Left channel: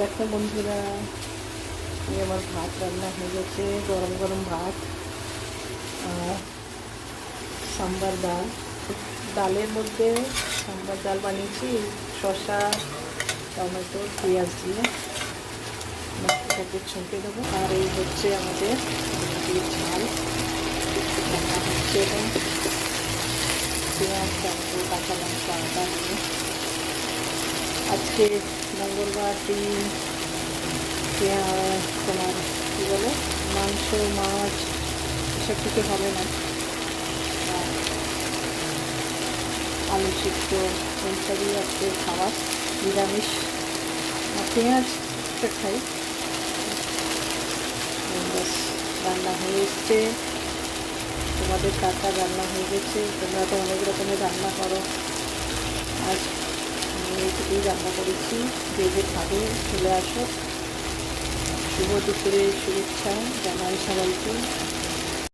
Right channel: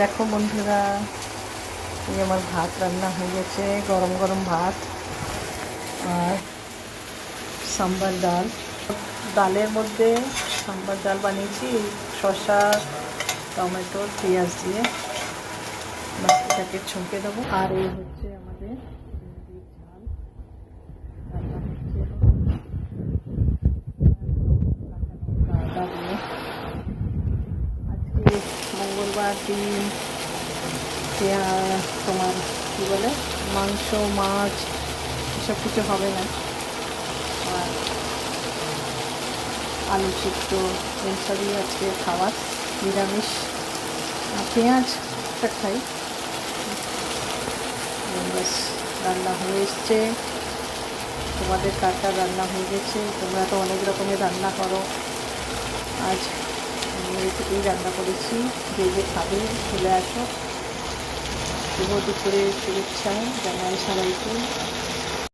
দেখো বন্ধুরা, এই আমার ভাত রান্না হয়ে গেছে, গরম গরম ভাত আর সাম্বার ডাল। ডালের মধ্যে সাম্বার ডাল বানিয়েছি শসা, টমেটো, পেঁয়াজ দিয়ে। বাকিটাকে ছুঁকে দেবো। আর এই হচ্ছে আমাদের ঝাল রান্না হচ্ছে। এটা পেঁয়াজ, টমেটো, কাঁচা লঙ্কা, আদা দিয়ে। আজকে মঙ্গলবার দিন তোমার কী বলে, মাংস মাছ এসব কিছু হবে না। আর আলু সিদ্ধ এইসবই আজকে খাবার, নিরামিষ। পেঁয়াজটা খাই। বাস রান্না হয়ে এসছে। তোমাদের কার কার রান্না হয়ে গেছে? তোমরা তো অনেক রকমের রান্না করো। আজ আমি এইটুকুই রান্না করেছি। যে যে খাবে চলে আসো। শুভ দুপুরের শুভেচ্ছা জানাই সবাইকে।